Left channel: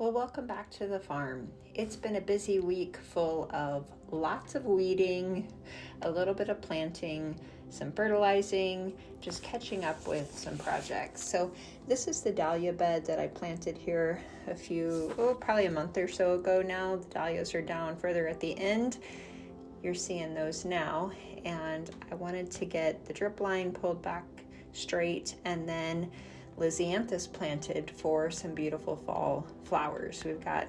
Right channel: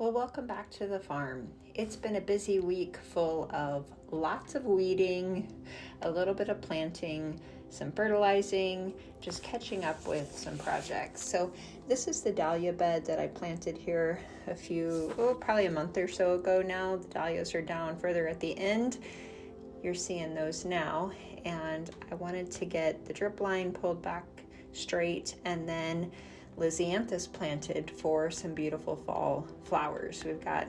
Well, welcome back to the farm. It's been a busy week full of lots of weeding, a little bit of planting, some fertilizing, just catching up with some projects. So this is the dahlia bed that I planted here probably a month or so ago now. The dahlias are down further at the end. You're seeing those now. And I wanted to get the drip line pulled back straight and then Lisianthus planted for some beautiful fall flowers. We've got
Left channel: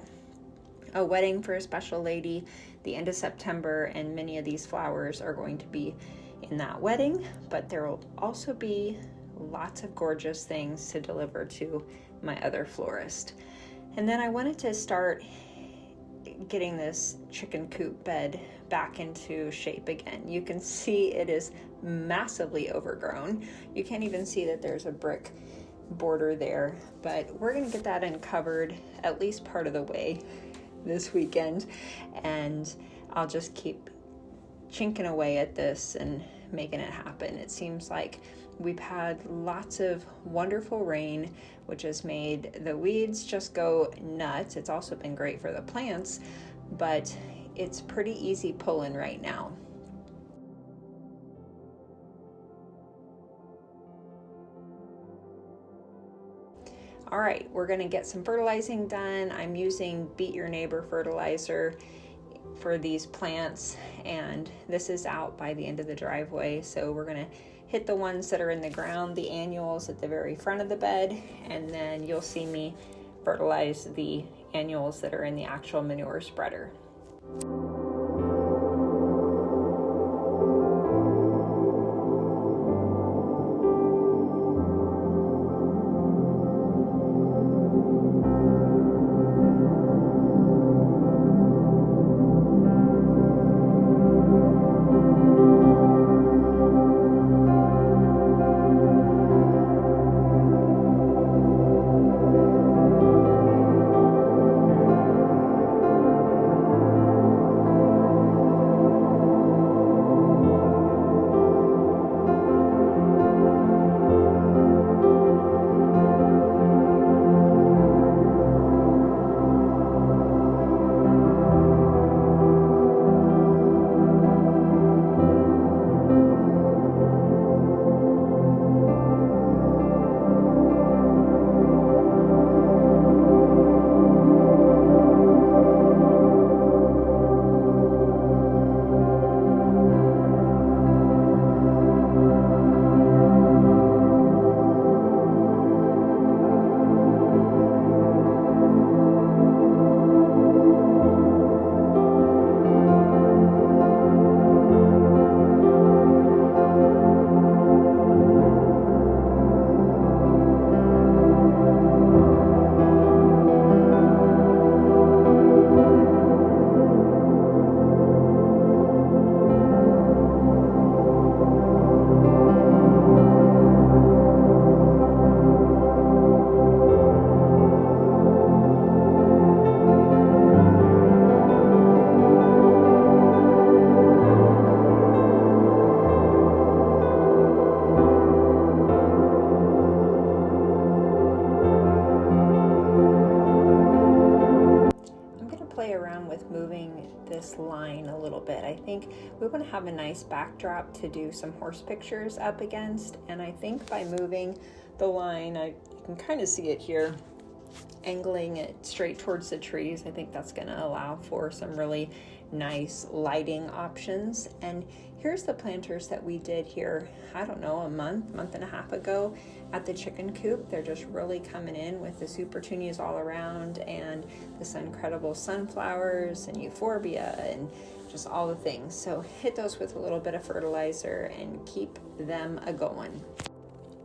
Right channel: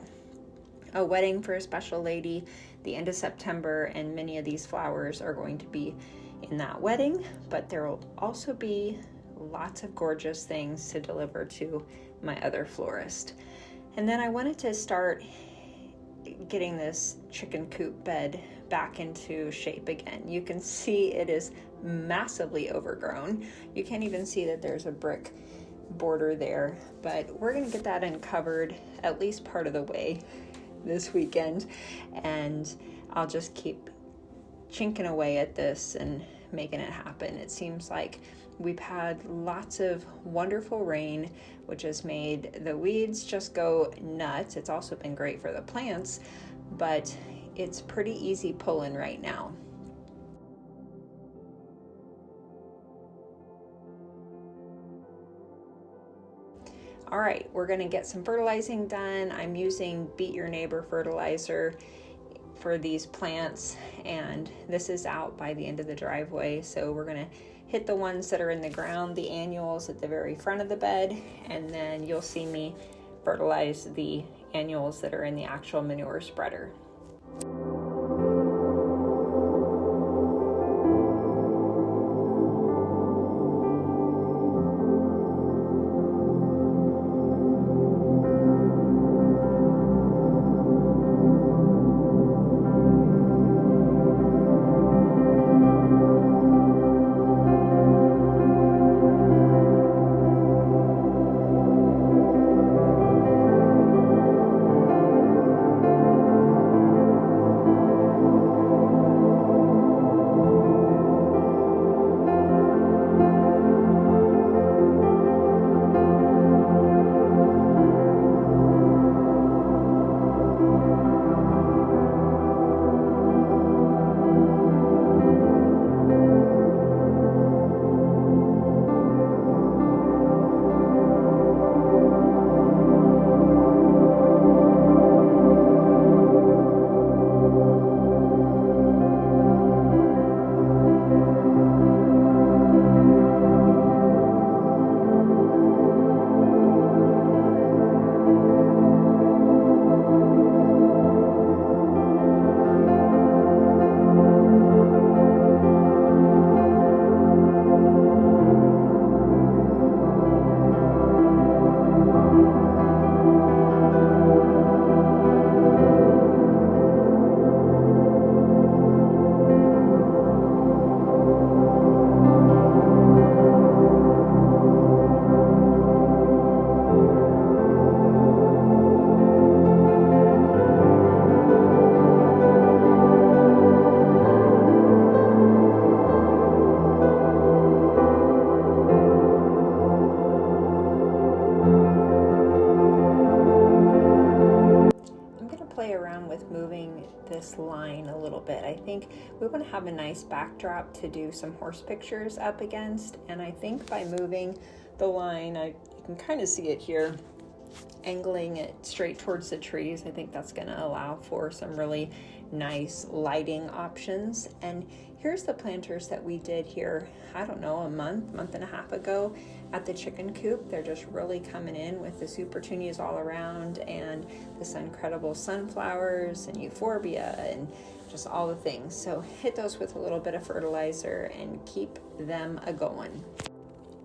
a wedding for a special lady the end of September, and many of these flowers are going to be in that wedding, but there will also be lots of gorgeous things to deliver to my other florist. And then I wanted to start getting this chicken coop bed back into shape again. You can see it is massively overgrown. You can't even see that there's a brick border there, but we're going to get that uncovered at least part of the way this weekend, and I'll just keep chinking away at this and making it happen. It seems like we've had lots of wonderful rain, which has made the weeds just go nuts. It's also been great for the plants, but it's pretty easy pulling right now. All right, we're gonna get some fertilizing done. I'm using Beat Your Neighbor fertilizer for these plants, and this is out by the end of the driveway. So we're gonna hit the ones that are in the ground, the annuals at the very front of the bed, and then you'll see me fertilize the annuals that are in the actual manure spreader. Play around with moving this line a little bit. I think we want to have a nice backdrop to do some horse pictures up against, and I think by moving the line, you can kind of see it here, angling it straight towards the trees. I think that's going to allow for some really nice lighting options. And here's the planters that we did here, I don't know, a month and a half ago at the chicken coop. They're just really coming in with the supertunias all around and this incredible sunflowers and euphorbia and just all the things. So hit those with a little bit of fertilizer and keep them a-going.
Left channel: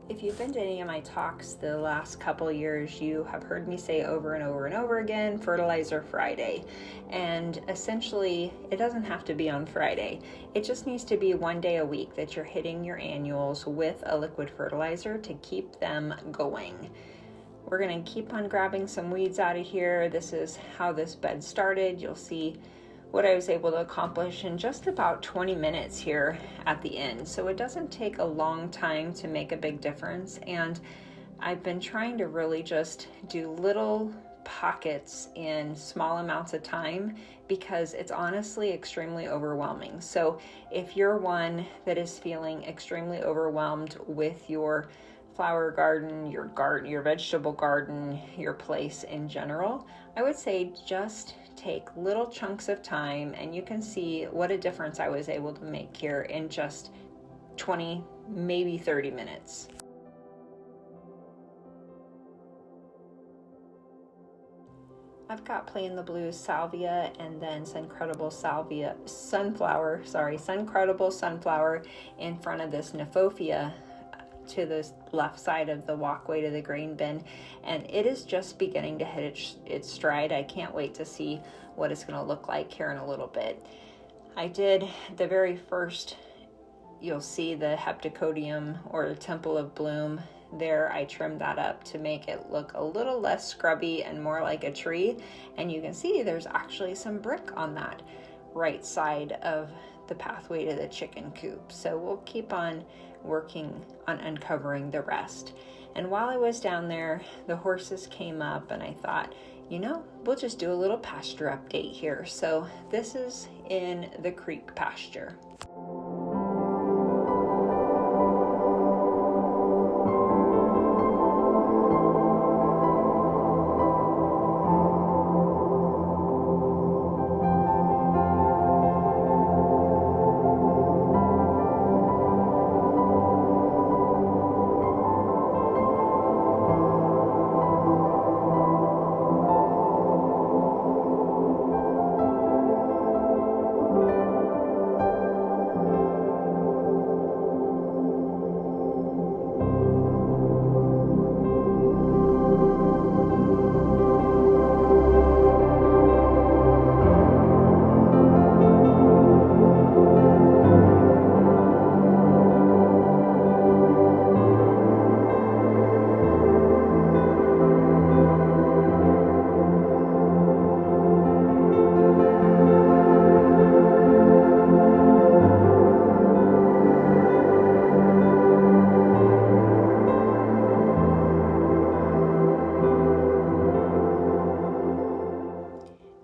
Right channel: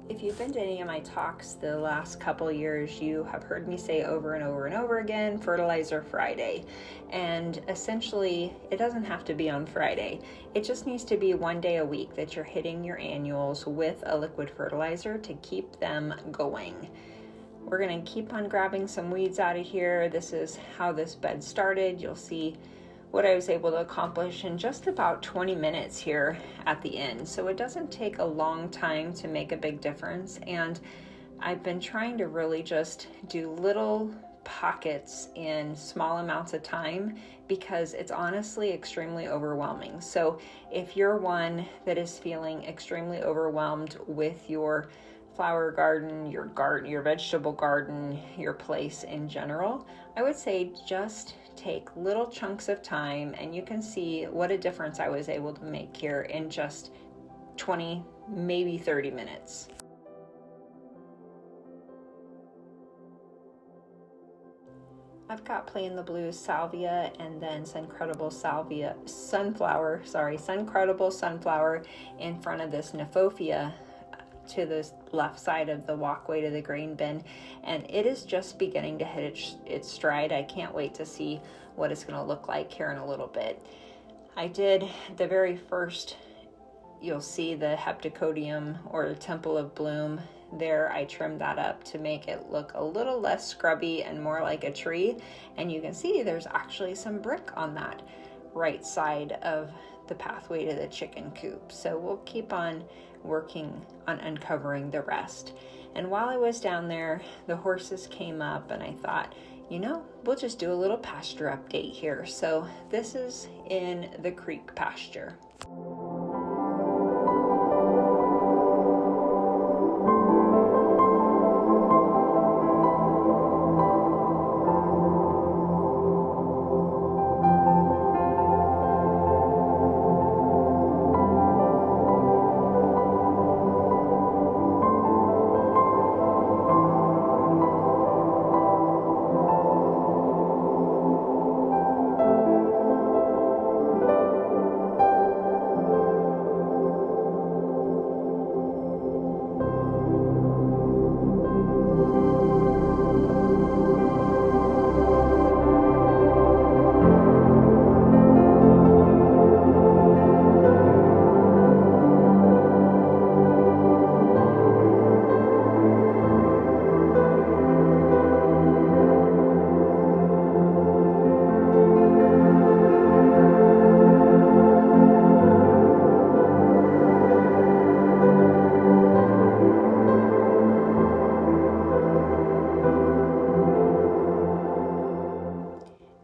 If you've been to any of my talks the last couple years, you have heard me say over and over and over again, Fertilizer Friday. And essentially, it doesn't have to be on Friday. It just needs to be one day a week that you're hitting your annuals with a liquid fertilizer to keep them going. We're gonna keep on grabbing some weeds out of here. This is how this bed started. You'll see what I was able to accomplish in just about 20 minutes here at the end. So it doesn't take a long time to make a big difference. And I've been trying to really just do little pockets in small amounts of time because it's honestly extremely overwhelming. So if you're one that is feeling extremely overwhelmed with your flower garden, your vegetable garden, your place in general, I would say just take little chunks of time, and you can see what a difference I was able to make here in just 20, maybe 30 minutes. I've got plain the blue salvia and then suncredible sunflower in front of this Nephofia to the left side of the walkway to the grain bin, and it is just beginning to hit its stride. I can't wait to see what it's going to look like here in a little bit. I did the very first, you'll see the heptacodium or temple of bloom there. I trimmed that up to make it look a little less scrubby and more like a tree, and you can see there's actually some brick on that right side of the pathway to the chicken coop. So we'll keep on working on uncovering the rest. And while I was down there, the horses came up, and I thought, we'll just do a little pasture update here. So this is in the creek pasture.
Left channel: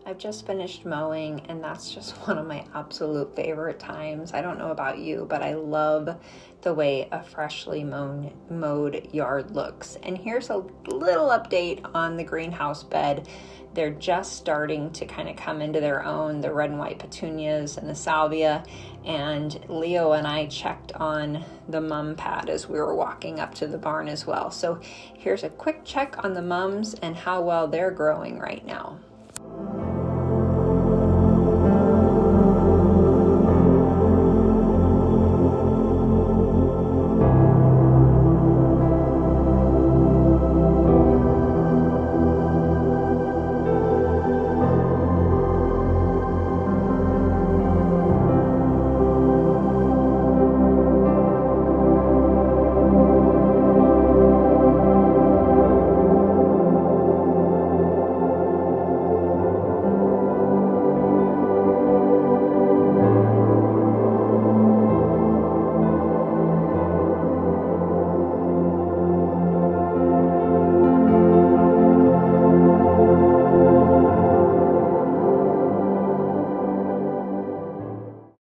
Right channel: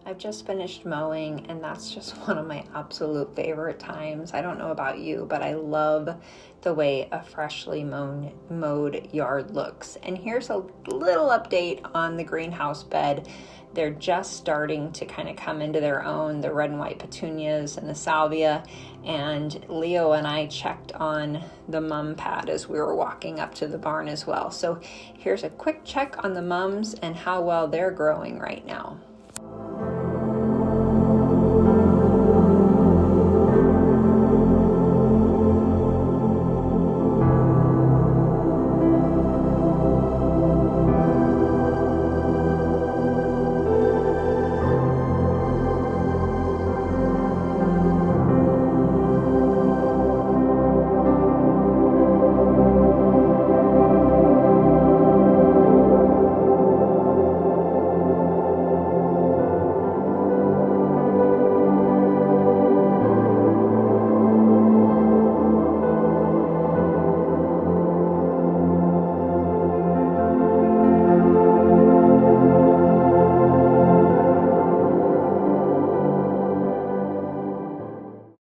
I've just finished mowing, and that's just one of my absolute favorite times. I don't know about you, but I love the way a freshly mowed yard looks. And here's a little update on the greenhouse bed. They're just starting to kind of come into their own, the red and white petunias and the salvia. And Leo and I checked on the mum pad as we were walking up to the barn as well. So here's a quick check on the mums and how well they're growing right now.